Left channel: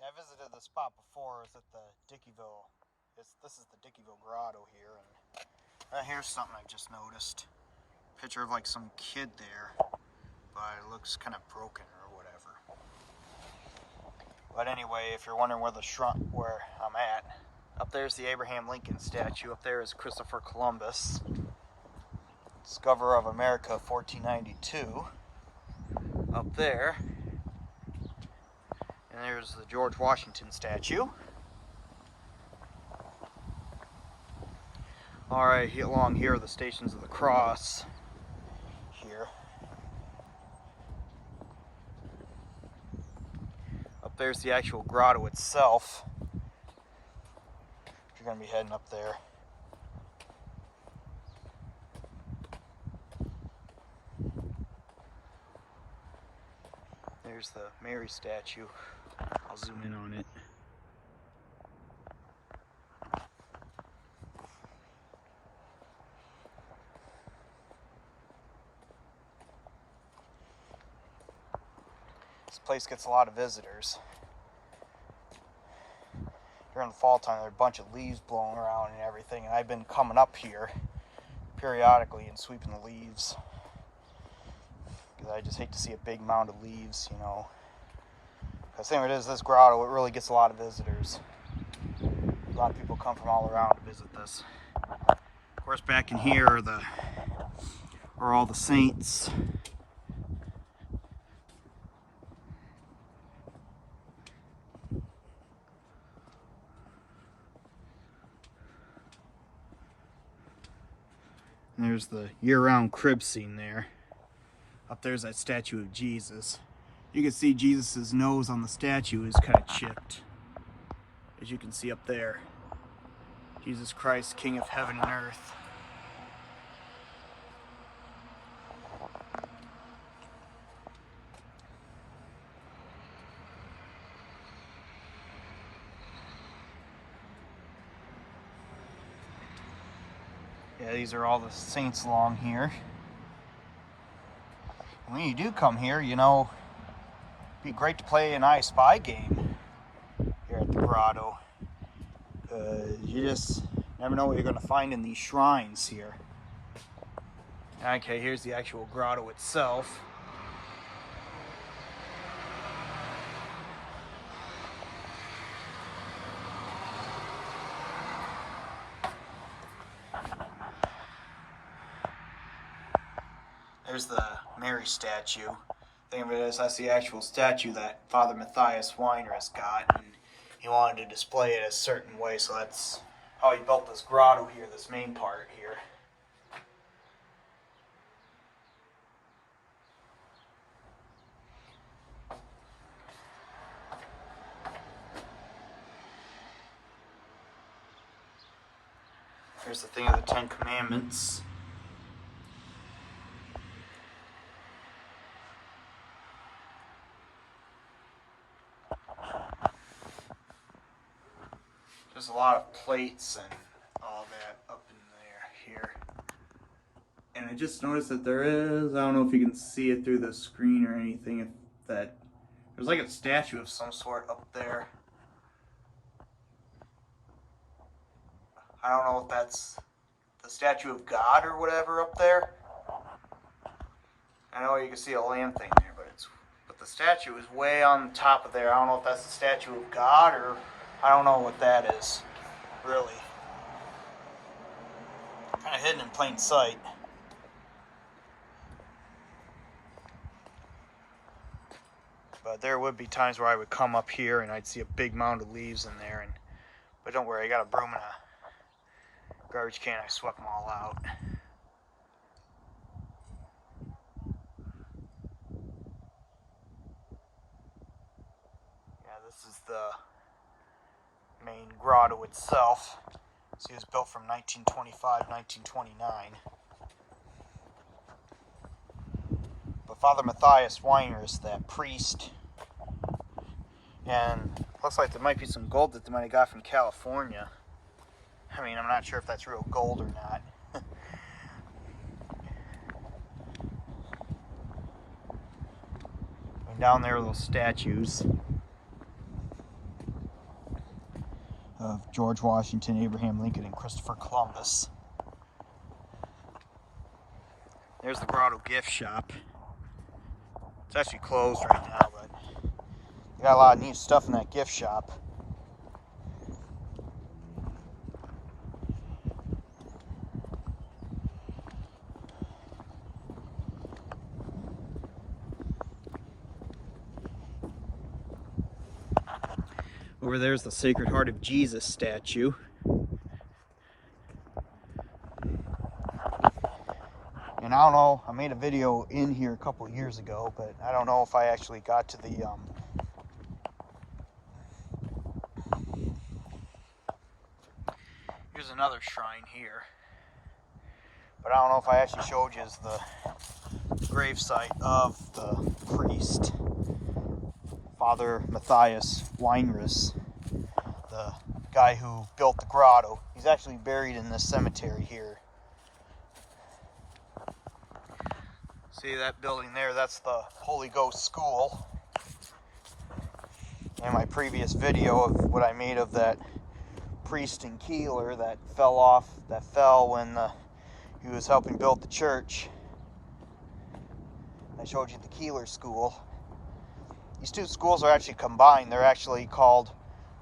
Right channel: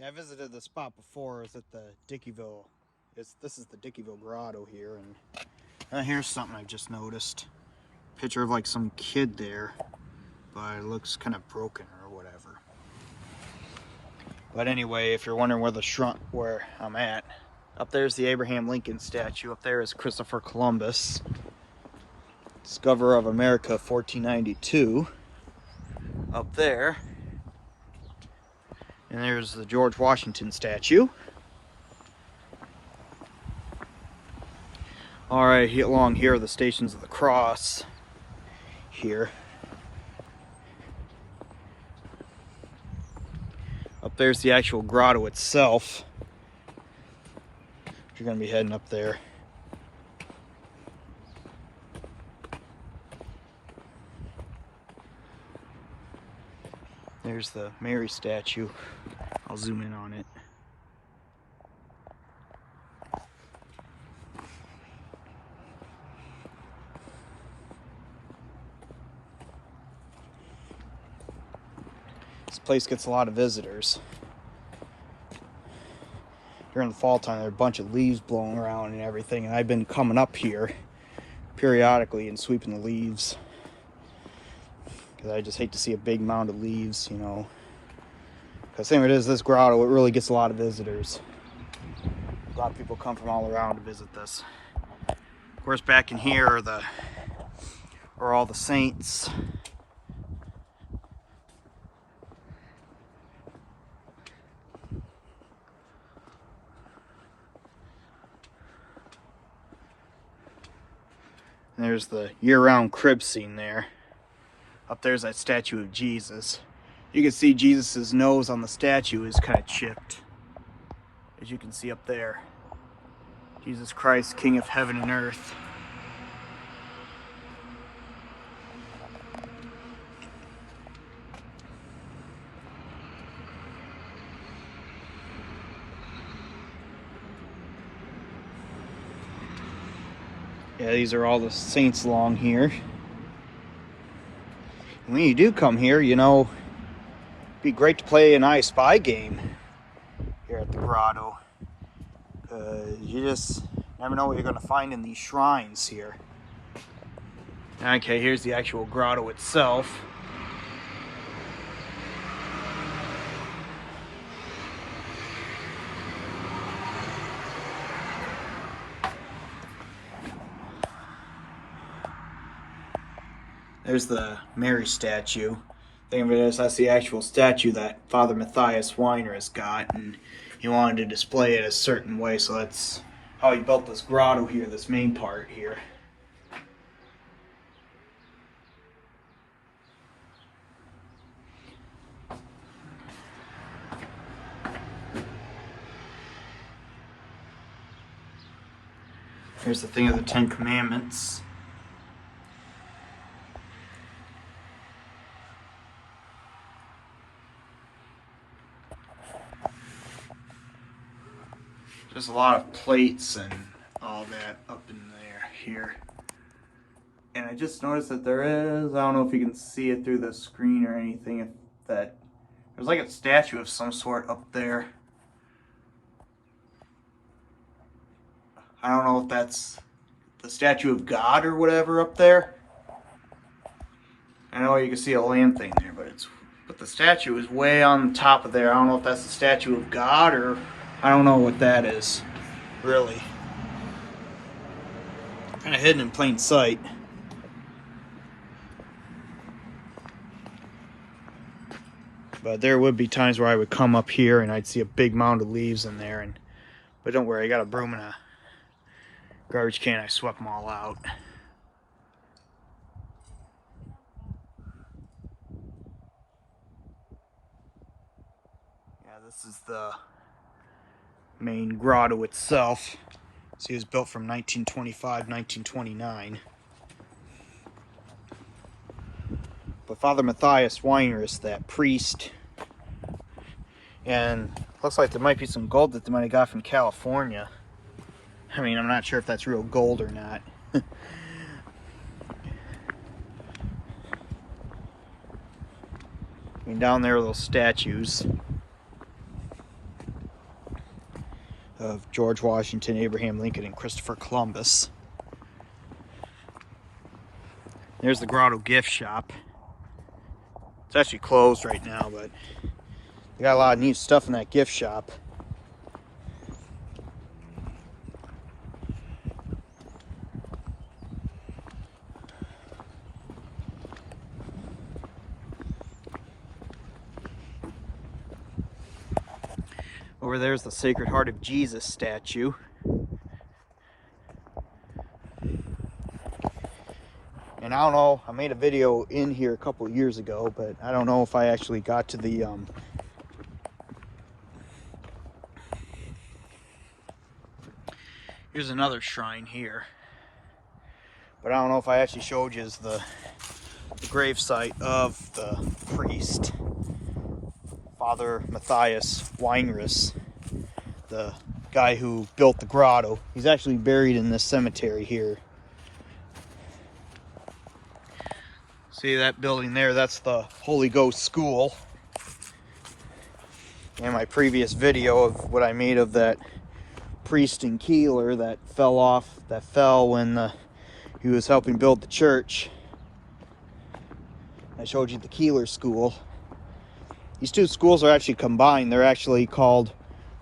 Yeah, I visited the spot before. It was at the Dickeyville. This is the Dickeyville Grotto here, and here's something I just noticed. Picture of like some kid there, but it looks kind of broken or whatever. But anyway, if you're wondering where I'm at, up there's the Abraham Lincoln statue. Up there is Christopher Columbus, discoverer of America, 1492. Up there, and there's the George Washington statue. Alright, along here are the Stations of the Cross. Here. Up there's the actual grotto itself. You're going to be heading up there. There's the Mary statue. I'll zoom in on it. This place gets a lot of visitors. During the fall time, there are a bunch of leaves blowing around and everything, and I've been coming up here periodically and sweeping the leaves. Because I just hate to see a big mound of leaves, you know. Because the thing it is, this grotto, it really gets a lot of visitors. A lot of people come from all around to visit this. Of course, back in here are all the saints. And there's the year-round crib scene there. Up there's that statue of Jesus. You can see Jesus' nose on the statue is kind of chipped. As you can see up there. Jesus Christ, King of heaven and earth. Yeah, these are all the saints along here. When you do come here, you know, it'd be great to play an I Spy game here at the grotto. You just never know what you're going to find in these shrines here. Okay, here's the actual grotto itself. There's the Mary statue. The thing of it is, that's the actual statue that Father Matthias Weiner has got, and he wanted to display it a certain way, so that's how he built this grotto here, this main part here. Here's the thing of the Ten Commandments. There's a lot of plates and all that up in there here. And I just noticed that there is, I don't know if you can see it through the screen or anything, if that there's like a statue of some sort up there. I don't know if that's the statue of God or whatever up there. I know you can see a lamb thing there, but the statue is way on top of there. I don't know if that's the statue of God or I don't know what that is, really. Kind of hidden in plain sight. But there would be times where I would come up here and I'd see a big mound of leaves in there. But don't worry, I got a broom and a garbage can. I swept them all out. Yeah, this is the main grotto itself. See, it was built from 1925, 1929. But Father Matthias Weiner is that priest. And looks like there might be some gold that they might have got from California. I mean, I'm not sure if that's real gold or not. I mean, down there are those statues. of George Washington, Abraham Lincoln, and Christopher Columbus. There's the Grotto gift shop. It's actually closed right now, but they got a lot of neat stuff in that gift shop. Over there's the Sacred Heart of Jesus statue. And I don't know, I made a video in here a couple of years ago, but I don't know if I actually got to the here's another shrine here. But I don't know if I actually showed you the gravesite of the priest, Father Matthias Weinrich, the guy who built the grotto. He's actually buried in this cemetery here. See that building there? That's the Holy Ghost School. In my previous video of what I made of that priest in Keeler that fell when he was helping build the church, I showed you the Keeler School. These two schools are actually combined. They're actually called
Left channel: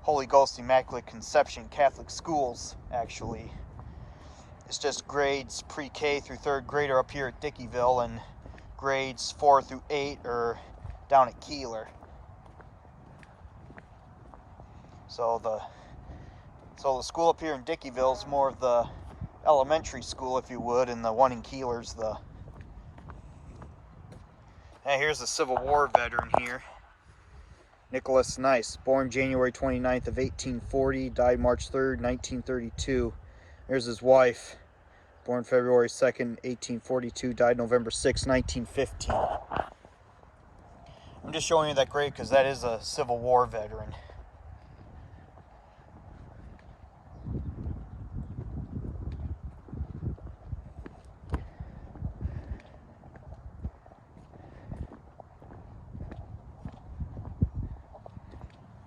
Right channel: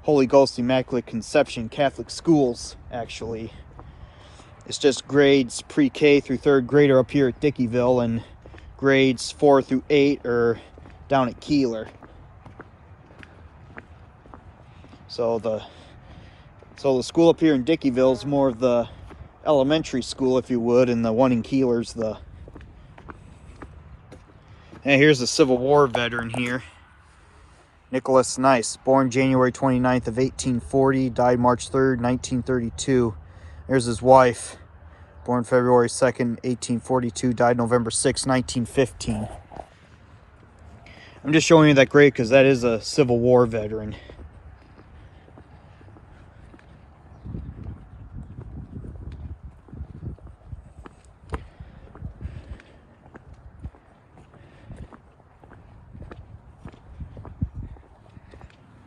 Holy Ghost Immaculate Conception Catholic Schools, actually. It's just grades pre-K through 3rd grade are up here at Dickeyville, and grades 4 through 8 are down at Keeler. So the school up here in Dickeyville is more of the elementary school, if you would, and the one in Keeler's the... And here's a Civil War veteran here. Nicholas Nice, born January 29th of 1840, died March 3rd, 1932. There's his wife, born February 2nd, 1842, died November 6th, 1915. I'm just showing you that grave because that is a Civil War veteran.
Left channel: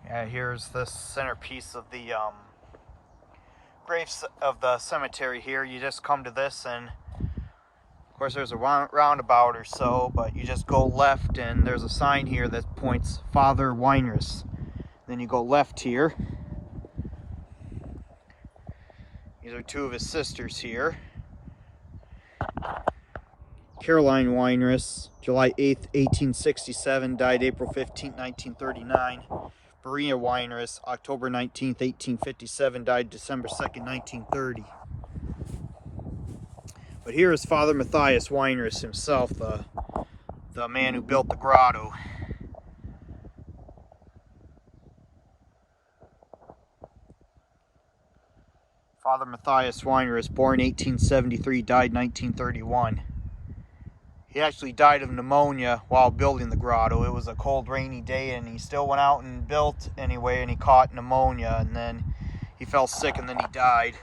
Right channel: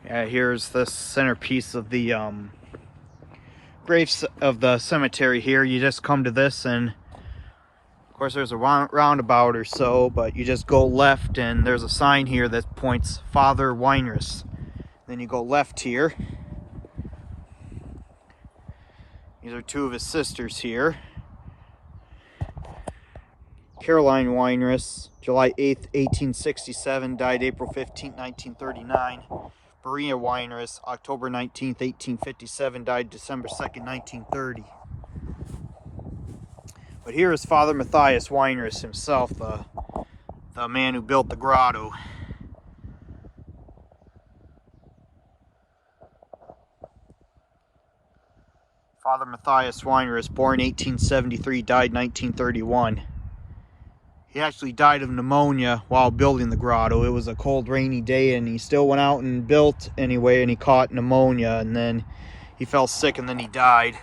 Yeah, here's the centerpiece of the graves of the cemetery here. You just come to this, and of course there's a roundabout or so, but you just go left and there's a sign here that points Father Weinrich. Then you go left here. These are two of his sisters here. Caroline Weinrich, July 8th, 1867, died April 15th, 1939. Maria Weinrich, October 19th, 1857, died December 2nd, 1930. But here is Father Matthias Weinrich himself, the man who built the grotto. Father Matthias Weinrich, born 1873, died 1931. He actually died of pneumonia while building the grotto. It was a cold, rainy day, and he still went out and built anyway, and he caught pneumonia, and then he fell sick, and then he died.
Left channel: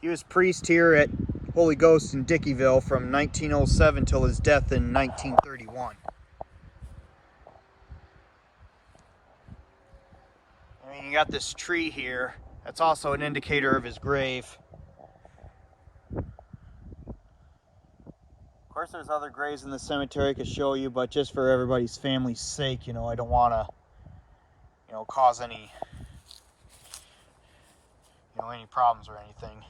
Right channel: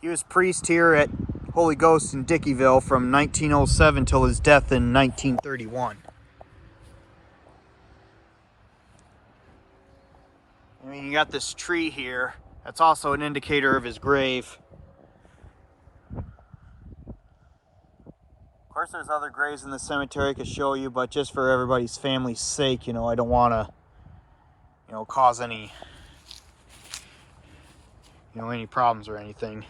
He was priest here at Holy Ghost in Dickeyville from 1907 till his death in 1931. I mean, you got this tree here. That's also an indicator of his grave. Of course, there's other graves in the cemetery I could show you, but just for everybody's family's sake, you know, I don't want to, you know, cause any, you know, any problems or anything.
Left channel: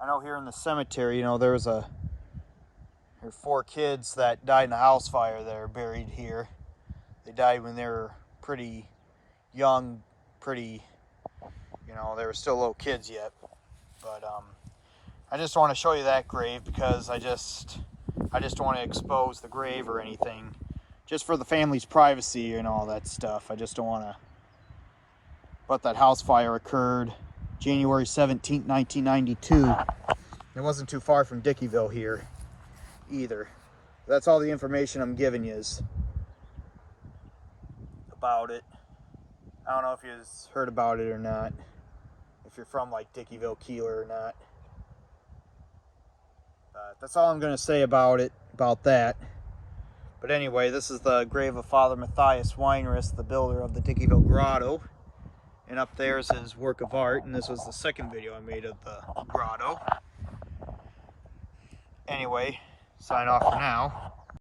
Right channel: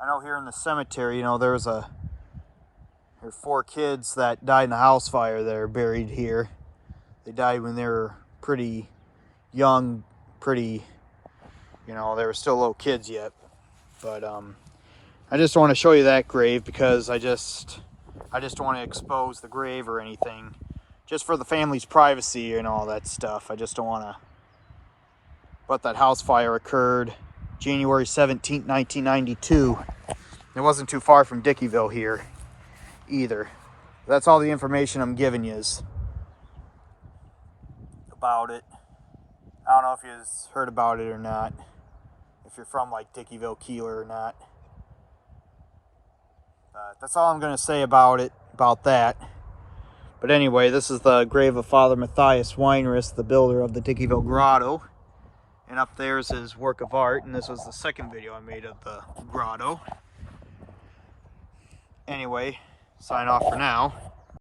I know here in the cemetery, you know, there were 4 kids that died in a house fire that are buried here. They died when they were pretty young, you know, they were still little kids yet. But I just want to show you that grave because I just don't want to expose the grave or anything, just for the family's privacy and all that stuff. I just don't want to. But that house fire occurred January 17th, 1992. It wasn't too far from Dickeyville here either. That's all the information I'm giving you is about it. I don't know if you've heard about it or not, if you're from like Dickeyville, Keeler or not. That's all I'm going to say about that. But anyway, this is the grave of Father Matthias Weinrist, the builder of the Dickeyville Grotto. And up there is his work of art, and this was the second video I made of the grotto. Anyway, sign off for now.